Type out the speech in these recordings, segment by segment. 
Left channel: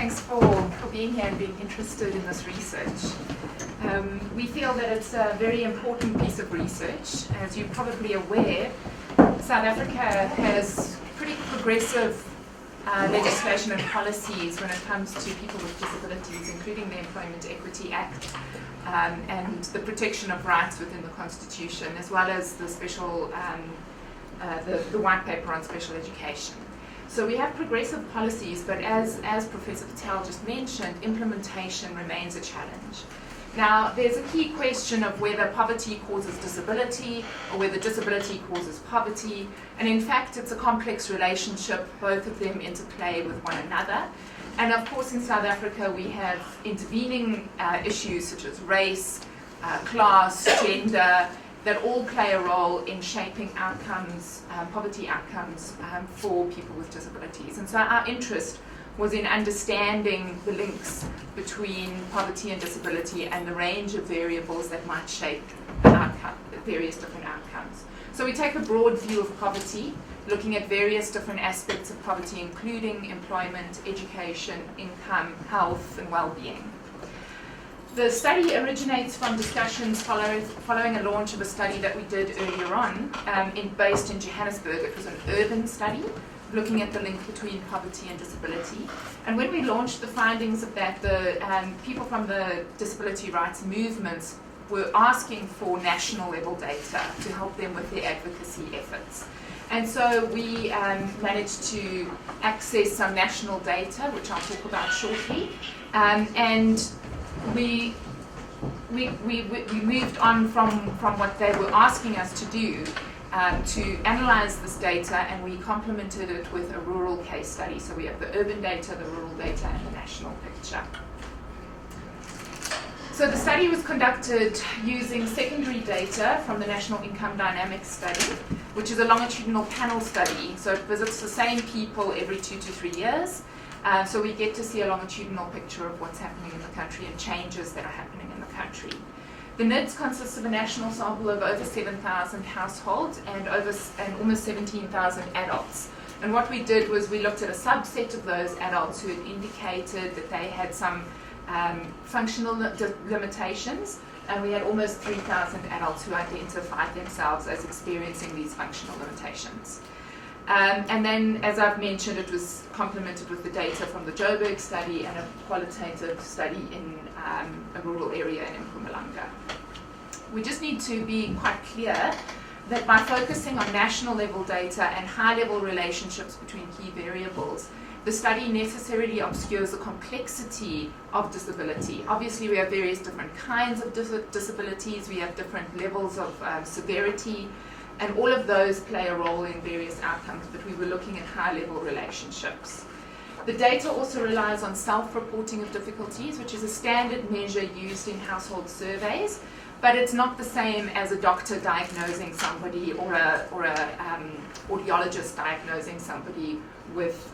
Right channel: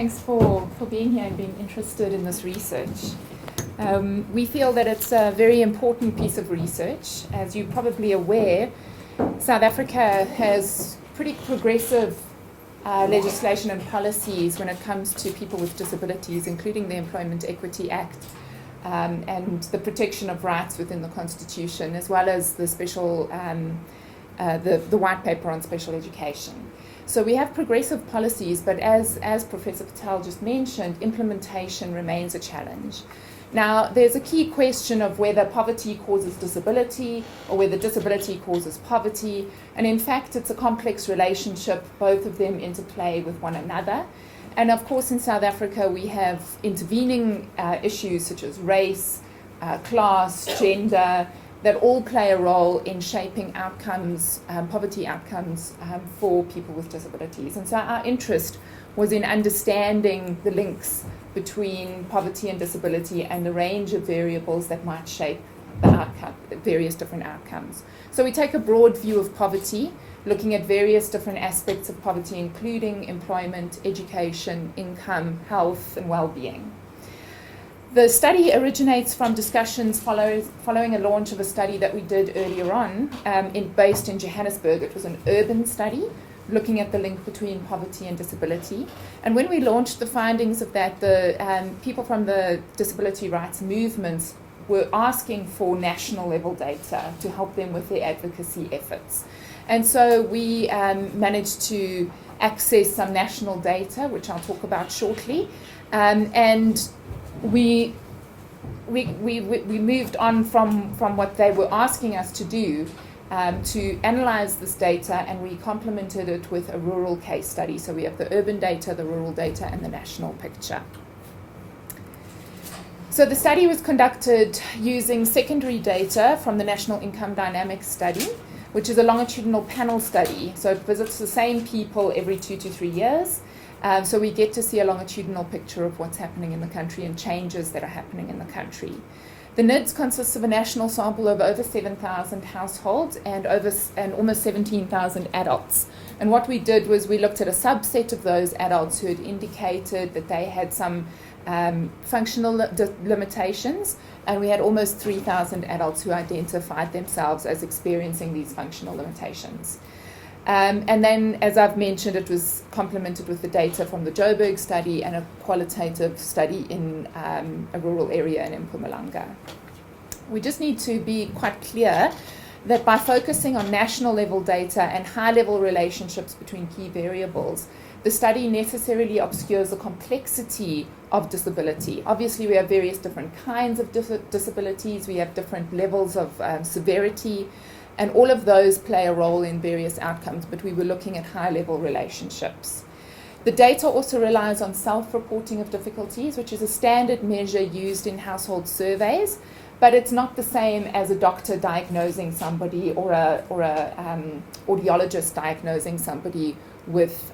Thanks for being here and being interested in this research. We feel that it's a very important piece of research. As you're probably aware, South Africa has pretty progressive legislation and policies when it comes to people with disabilities, including the Employment Equity Act and the protection of rights within the Constitution, as well as the special, the white paper on special education. So we have progressive policies, but as Professor Patel just mentioned, implementation remains a challenge. Now, there's a key question of whether poverty causes disability or whether disability causes poverty. And in fact, it's a complex relationship, both of them interplay with one another. And of course, in South Africa, we have intervening issues such as race, class, gender, that all play a role in shaping outcomes, poverty outcomes for people with disabilities. And so our interest was in understanding the links between poverty and disability and the range of variables that might shape the outcome, various different outcomes. So we take a broad view of poverty, looking at various different aspects of poverty, including employment, education, income, health, and well-being. The study originates from discussions following a launch of a study that we did earlier on, based in Johannesburg. It was an urban study looking at the link between poverty and disability. And when we launched the findings of that, the people from the disability rights movements were asking for national level data to help them with their advocacy efforts. And so we managed to access some national data, which I'll talk about shortly, and we moved on from what they were asking us to do to analyze this data, and we complemented it with a rural case study. So we have the urban data, the rural data, and the national picture. So the study was conducted using secondary data from the National Income Dynamics Study, which is a longitudinal panel study. So it visits the same people every 2 to 3 years. So we get to see a longitudinal picture of what's happening in the country and changes that are happening in the country. The NIDS consists of a national sample of over 7,000 households and almost 17,000 adults. And what we did was we looked at a subset of those adults who had indicated that they had some functional limitations, and we had almost 3,000 adults who identified themselves as experiencing these functional limitations. And then, as I've mentioned, it was complemented with the data from the Joburg study and a qualitative study in a rural area in Mpumalanga. We just need to be quite clear that by focusing on national level data and high level relationships between key variables, the study necessarily obscures the complexity of disability. Obviously, we have various different kinds of disabilities, we have different levels of severity, and all of those play a role in various outcomes, but we were looking at high-level relationships. The data also relies on self-reporting of difficulties, which is a standard measure used in household surveys, but it's not the same as a doctor diagnosing somebody or a audiologist diagnosing somebody with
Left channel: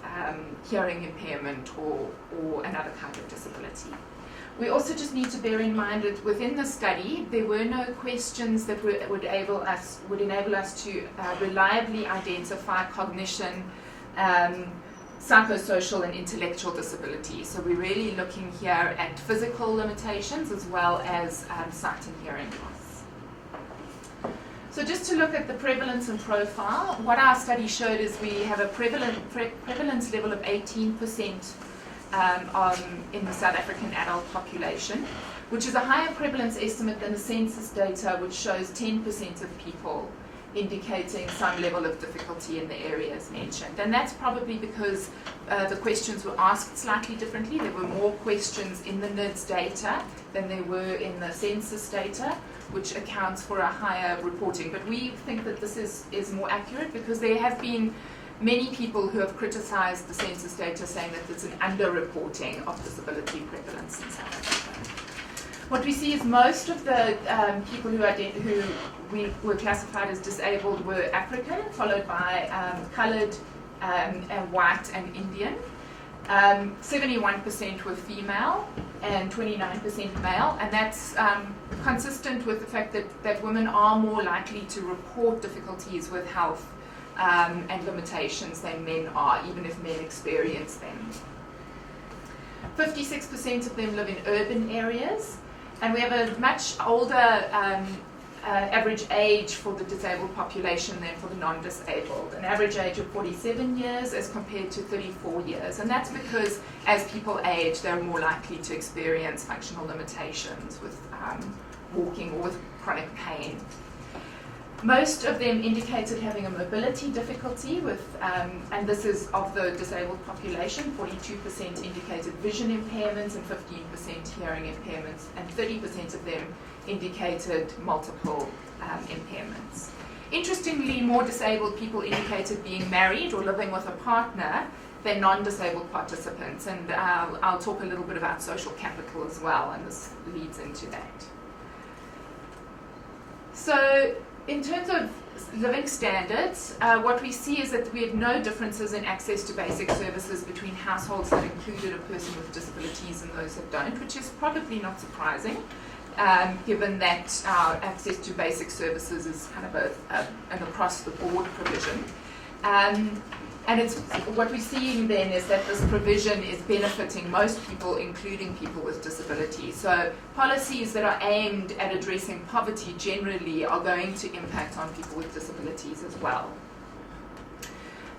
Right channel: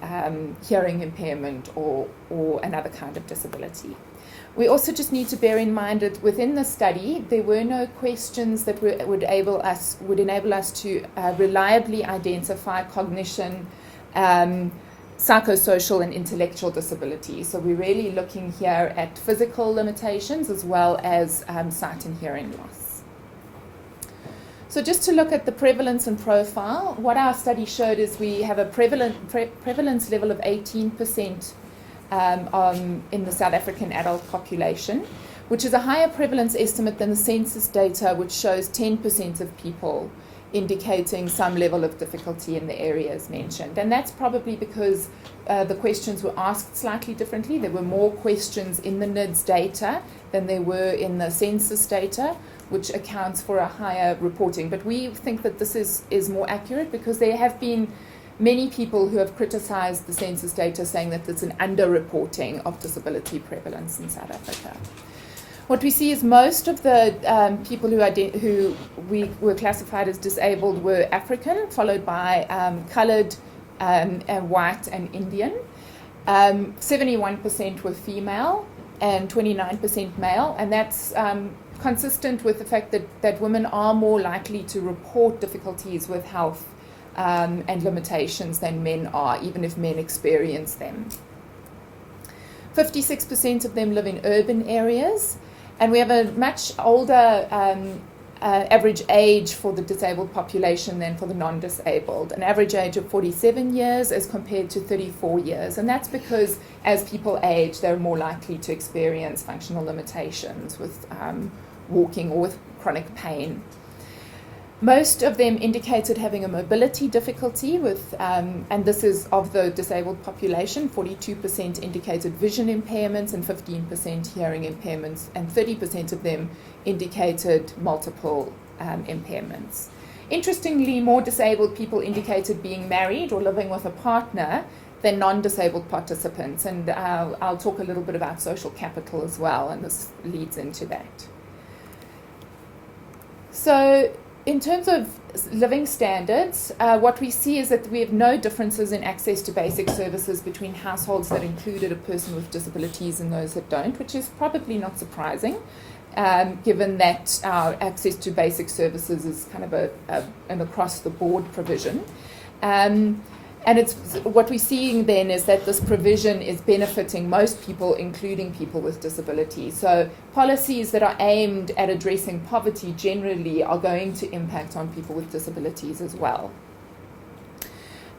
hearing impairment or another kind of disability. We also just need to bear in mind that within the study, there were no questions that would enable us to reliably identify cognition, psychosocial and intellectual disabilities. So we're really looking here at physical limitations as well as sight and hearing loss. So just to look at the prevalence and profile, what our study showed is we have a prevalence level of 18% in the South African adult population, which is a higher prevalence estimate than the census data, which shows 10% of people indicating some level of difficulty in the areas mentioned. And that's probably because the questions were asked slightly differently. There were more questions in the NIDS data than there were in the census data, which accounts for a higher reporting. But we think that this is more accurate because there have been many people who have criticized the census data, saying that it's an underreporting of disability prevalence in South Africa. What we see is most of the people who we were classified as disabled were African, followed by colored, and white and Indian. 71% were female and 29% male, and that's consistent with the fact that women are more likely to report difficulties with health and limitations than men are, even if men experience them. 56% of them live in urban areas, and we have a much older average age for the disabled population than for the non-disabled, an average age of 47 years as compared to 34 years. And that's because as people age, they're more likely to experience functional limitations with walking or with chronic pain. Most of them indicated having a mobility difficulty with, and this is of the disabled population, 42% indicated vision impairments and 15% hearing impairments, and 30% of them indicated multiple impairments. Interestingly, more disabled people indicated being married or living with a partner than non-disabled participants, and I'll talk a little bit about social capital as well, and this leads into that. So, in terms of living standards, what we see is that we have no differences in access to basic services between households that included a person with disabilities and those that don't, which is probably not surprising, given that our access to basic services is kind of an across-the-board provision. And it's what we're seeing then is that this provision is benefiting most people, including people with disabilities. So policies that are aimed at addressing poverty generally are going to impact on people with disabilities as well.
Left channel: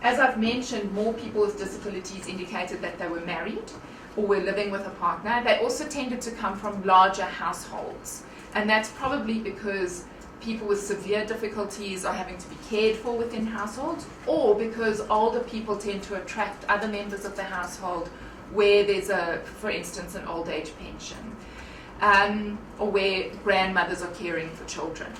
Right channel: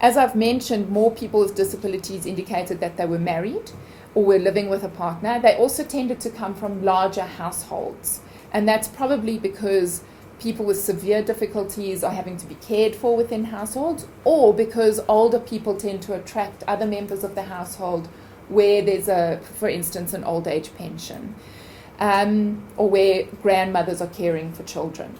As I've mentioned, more people with disabilities indicated that they were married or were living with a partner. They also tended to come from larger households. And that's probably because people with severe difficulties are having to be cared for within households, or because older people tend to attract other members of the household where there's for instance, an old age pension, or where grandmothers are caring for children.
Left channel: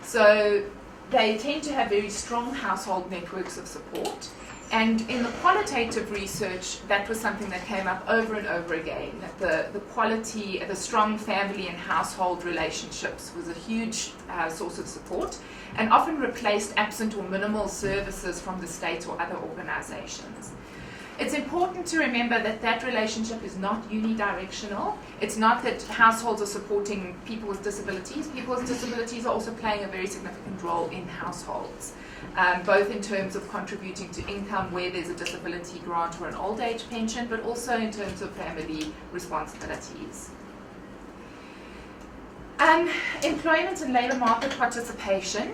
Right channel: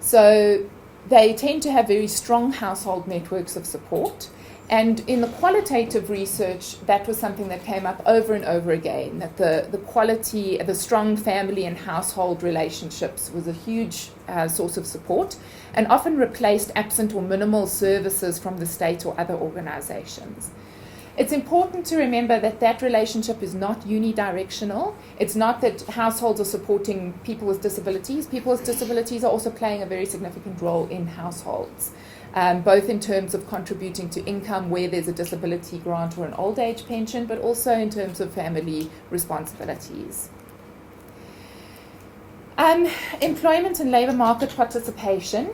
So they tend to have very strong household networks of support. And in the qualitative research, that was something that came up over and over again, that the quality, the strong family and household relationships was a huge source of support, and often replaced absent or minimal services from the state or other organizations. It's important to remember that that relationship is not unidirectional. It's not that households are supporting people with disabilities. People with disabilities are also playing a very significant role in households. Both in terms of contributing to income where there's a disability grant or an old age pension, but also in terms of family responsibilities. Employment and labour market participation.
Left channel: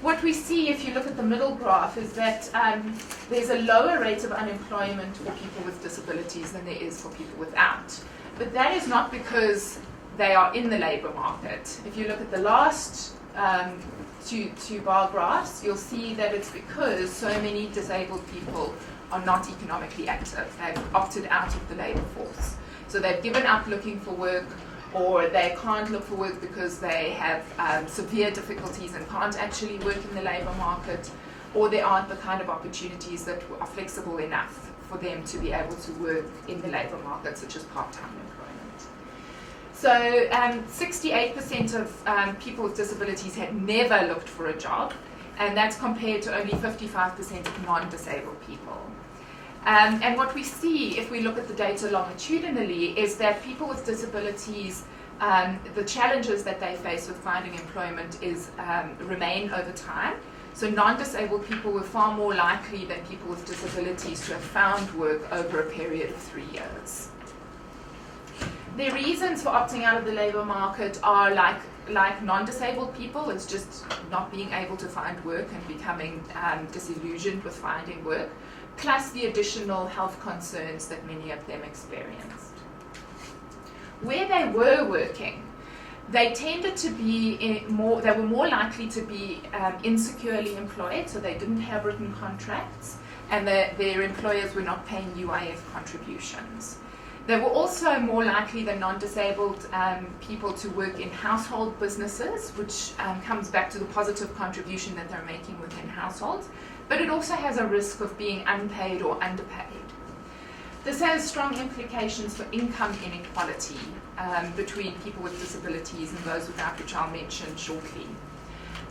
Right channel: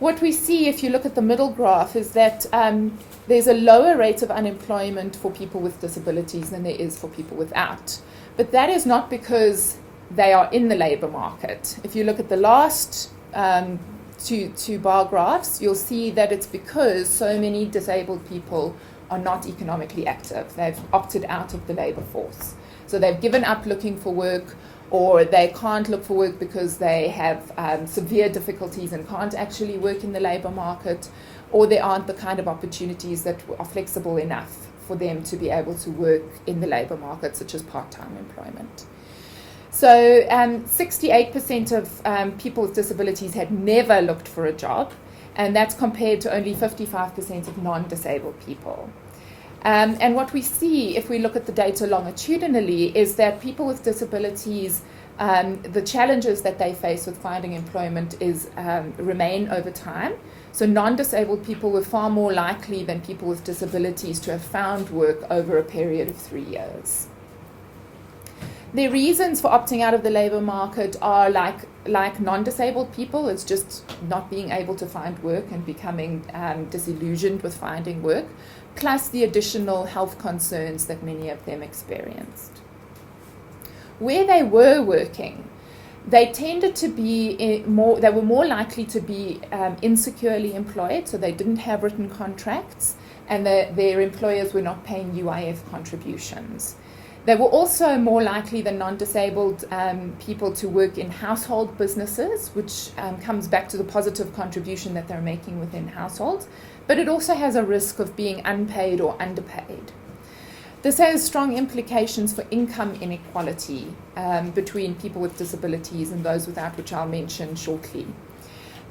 What we see, if you look at the middle graph, is that there's a lower rate of unemployment for people with disabilities than there is for people without. But that is not because they are in the labour market. If you look at the last two bar graphs, you'll see that it's because so many disabled people are not economically active. They've opted out of the labour force. So they've given up looking for work, or they can't look for work because they have severe difficulties and can't actually work in the labour market, or there aren't the kind of opportunities that are flexible enough for them to be able to work in the labour market, such as part-time employment. So 68% of people with disabilities had never looked for a job, and that's compared to only 55% of non-disabled people. And what we see, if we look at the data longitudinally, is that people with disabilities, the challenges that they face with finding employment remain over time. So non-disabled people were far more likely than people with disabilities to have found work over a period of 3 years. The reasons for opting out of the labour market are like non-disabled people. It's just not being able to find work and becoming disillusioned with finding work, plus the additional health concerns that many of them experienced. Where they were working, they tended to be they were more likely to be insecurely employed, so they didn't have written contracts, and their employers were not paying UIF contributions. They were also more likely than non-disabled people to work in household businesses, which comes back to the positive contribution that they're making within households, but it also has a risk of being unpaid or underpaid. This has strong implications for income inequality between people with disabilities and those without, which I'll mention shortly.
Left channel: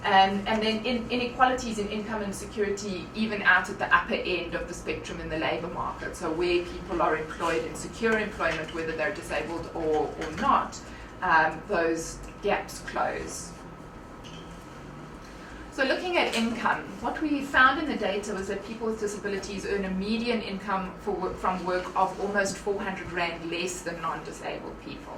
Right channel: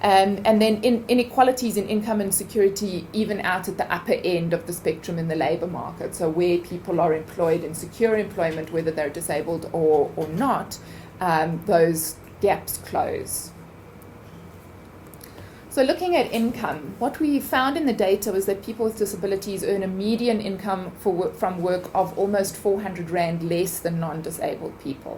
And then inequalities in income and security even out at the upper end of the spectrum in the labour market. So where people are employed in secure employment, whether they're disabled or not, those gaps close. So looking at income, what we found in the data was that people with disabilities earn a median income from work of almost 400 Rand less than non-disabled people.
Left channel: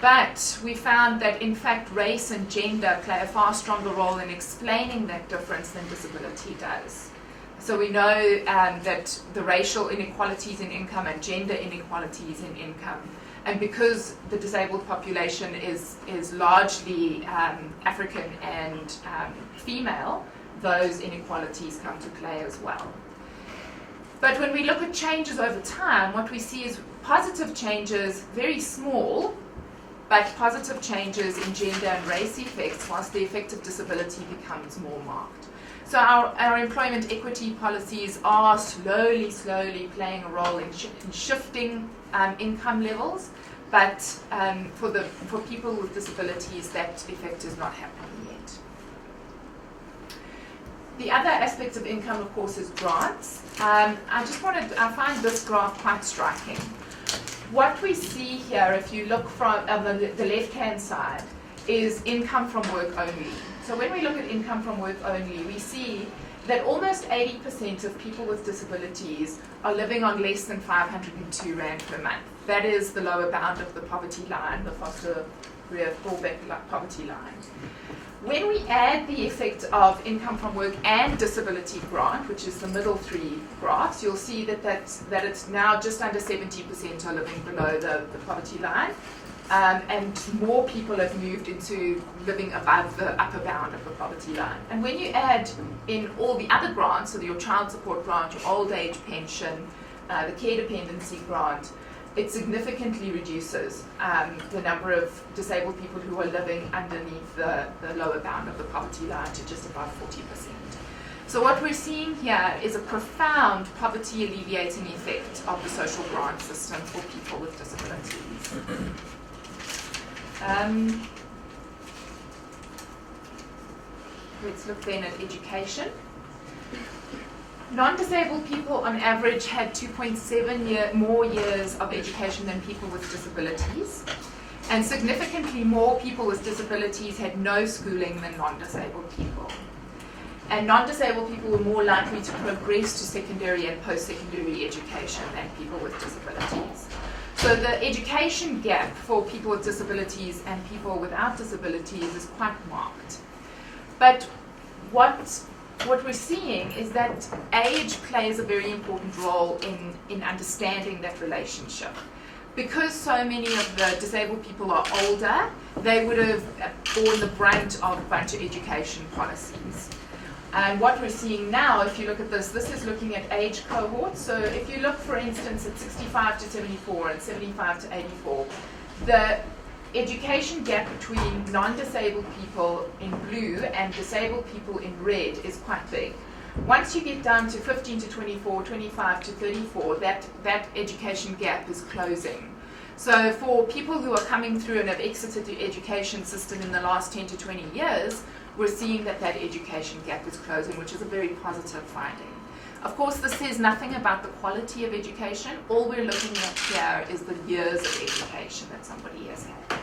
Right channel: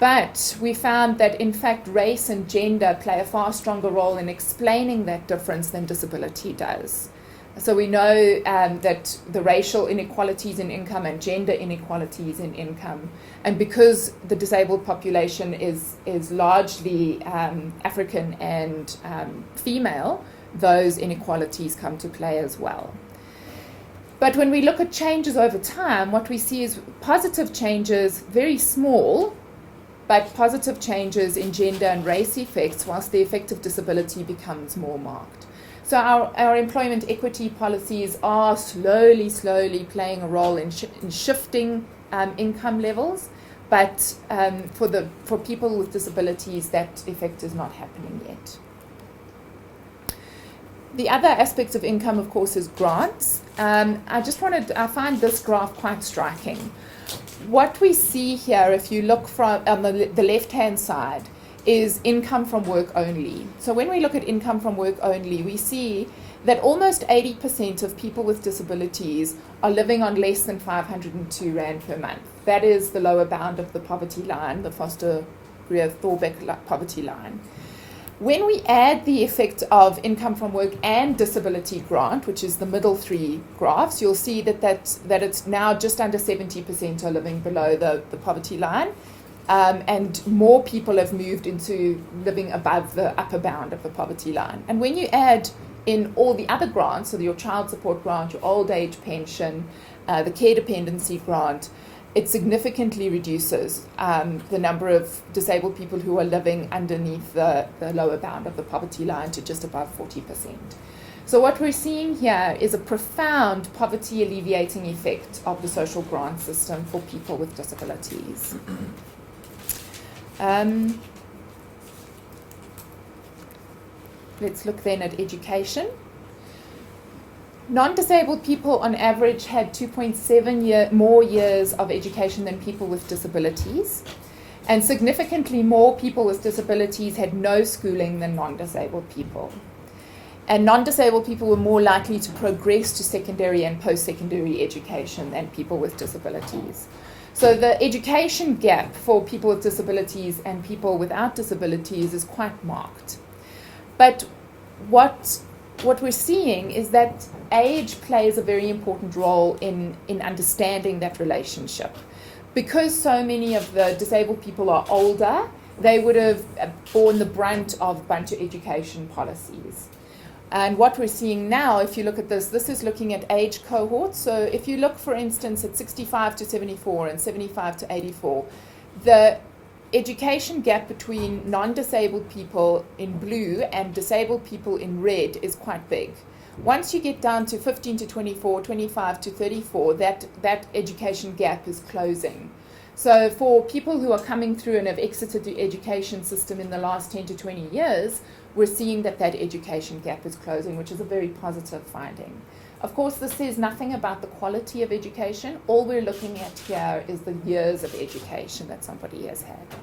But we found that, in fact, race and gender play a far stronger role in explaining that difference than disability does. So we know that the racial inequalities in income and gender inequalities in income, and because the disabled population is largely African and female, those inequalities come to play as well. But when we look at changes over time, what we see is positive changes, very small, but positive changes in gender and race effects, whilst the effect of disability becomes more marked. So our employment equity policies are slowly playing a role in shifting income levels, but for people with disabilities, that effect is not happening yet. The other aspect of income, of course, is grants. I find this graph quite striking. What we see here, if you look from the left-hand side, is income from work only. So when we look at income from work only, we see that almost 80% of people with disabilities are living on less than 502 Rand per month. That is the lower bound of the poverty line, the Foster-Greer-Thorbeck poverty line. When we add the effect of income from work and disability grant, which is the middle three graphs, you'll see that it's now just under 70% are living below the poverty line. And more people have moved into living above the upper bound of the poverty line. And when you add in all the other grants, so your child support grant, your old age pension, the care dependency grant, it significantly reduces the number of disabled people who are living underneath the lower bound of the poverty line to just above 40%. So what we're seeing here is a profound poverty alleviating effect of the social grant system for people with disabilities. Let's look then at education. Non-disabled people on average had 2.7 more years of education than people with disabilities, and significantly more people with disabilities had no schooling than non-disabled people. And non-disabled people were more likely to progress to secondary and post-secondary education than people with disabilities. So the education gap for people with disabilities and people without disabilities is quite marked. But what we're seeing is that age plays a very important role in understanding that relationship. Because so many of the disabled people are older, they would have borne the brunt of a bunch of education policies. And what we're seeing now, if you look at this is looking at age cohorts. So if you look, for instance, at 65 to 74 and 75 to 84, the education gap between non-disabled people in blue and disabled people in red is quite big. Once you get down to 15 to 24, 25 to 34, that education gap is closing. So for people who are coming through and have exited the education system in the last 10 to 20 years, we're seeing that education gap is closing, which is a very positive finding. Of course, this says nothing about the quality of education. All we're looking at here is the years of education that somebody has had.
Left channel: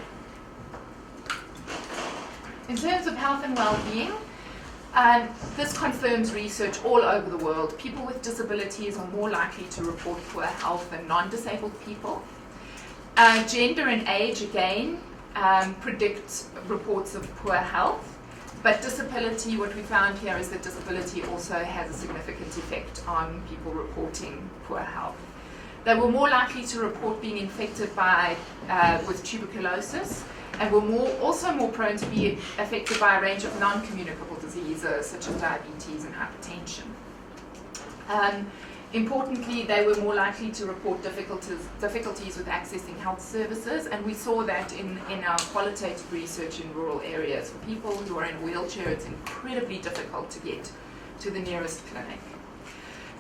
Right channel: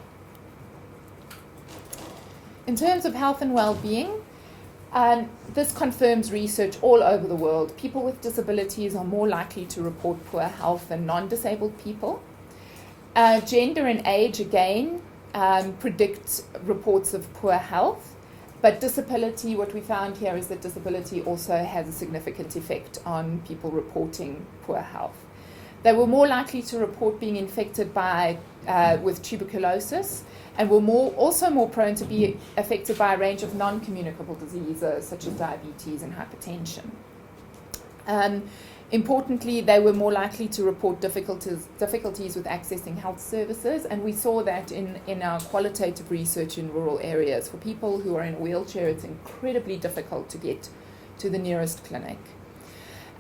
In terms of health and well-being, this confirms research all over the world. People with disabilities are more likely to report poor health than non-disabled people. Gender and age, again, predict reports of poor health. But disability, what we found here is that disability also has a significant effect on people reporting poor health. They were more likely to report being infected with tuberculosis, and were also more prone to be affected by a range of non-communicable diseases such as diabetes and hypertension. Importantly, they were more likely to report difficulties with accessing health services, and we saw that in our qualitative research in rural areas. For people who are in a wheelchair, it's incredibly difficult to get to the nearest clinic.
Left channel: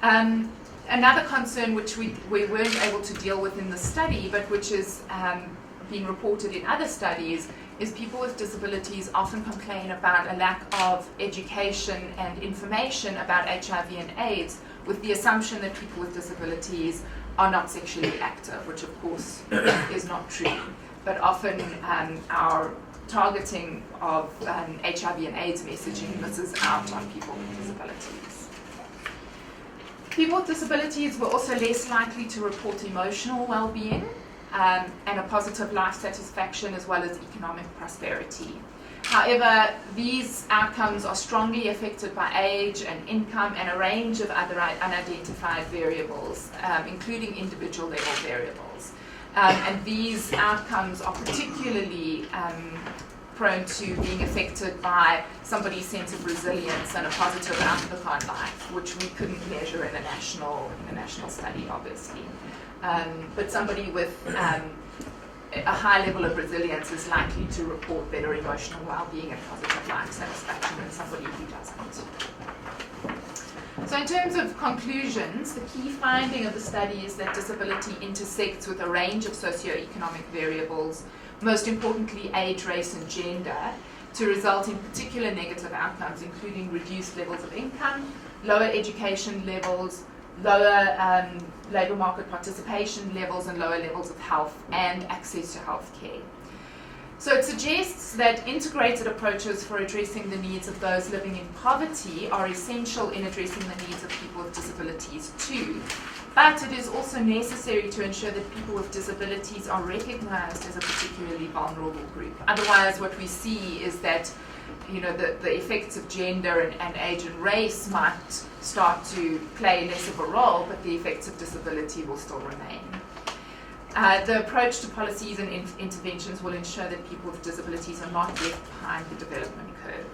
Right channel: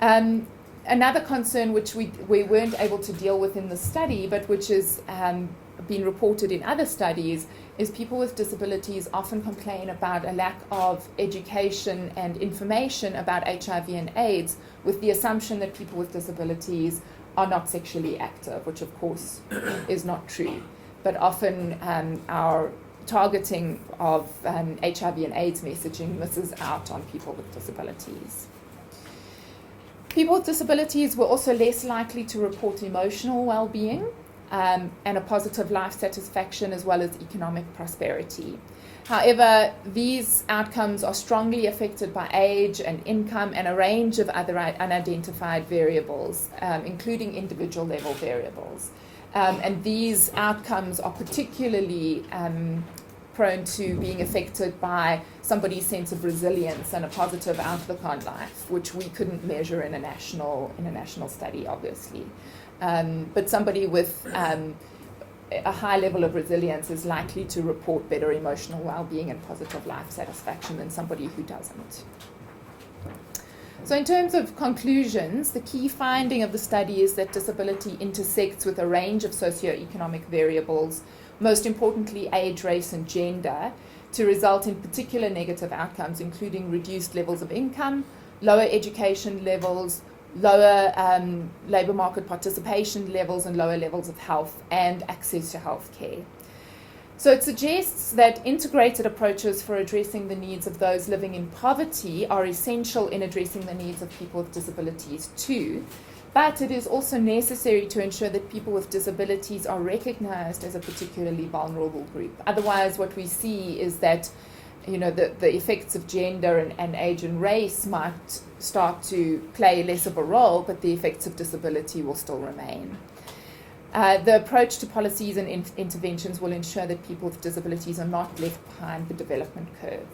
Another concern which we weren't able to deal with in the study, but which has been reported in other studies, is people with disabilities often complain about a lack of education and information about HIV and AIDS, with the assumption that people with disabilities are not sexually active, which of course is not true. But often our targeting of HIV and AIDS messaging misses out on people with disabilities. People with disabilities were also less likely to report emotional well-being and a positive life satisfaction as well as economic prosperity. However, these outcomes are strongly affected by age and income and a range of other unidentified variables, including individual level variables. And these outcomes are particularly prone to being affected by somebody's sense of resilience and a positive outlook on life, which we couldn't measure in a national study, obviously. But somebody with a high level of resilience is likely to report better emotional well-being and positive life satisfaction than somebody who doesn't. So in terms of conclusions, the key finding of the study is that disability intersects with a range of socioeconomic variables, most importantly age, race and gender, to result in particular negative outcomes, including reduced levels of income, lower education levels, lower labour market participation levels and lower levels of health and access to health care. So it suggests that integrated approaches for addressing the needs of those living in poverty are essential in addressing the needs of people with disabilities too, but it is also necessary to ensure that people with disabilities are recognised as a particularly vulnerable group. Otherwise, what we see is that the effects of gender and age and race might start to play less of a role, but the effects of disability will still remain. The approach to policies and interventions will ensure that people with disabilities are not left behind the development curve.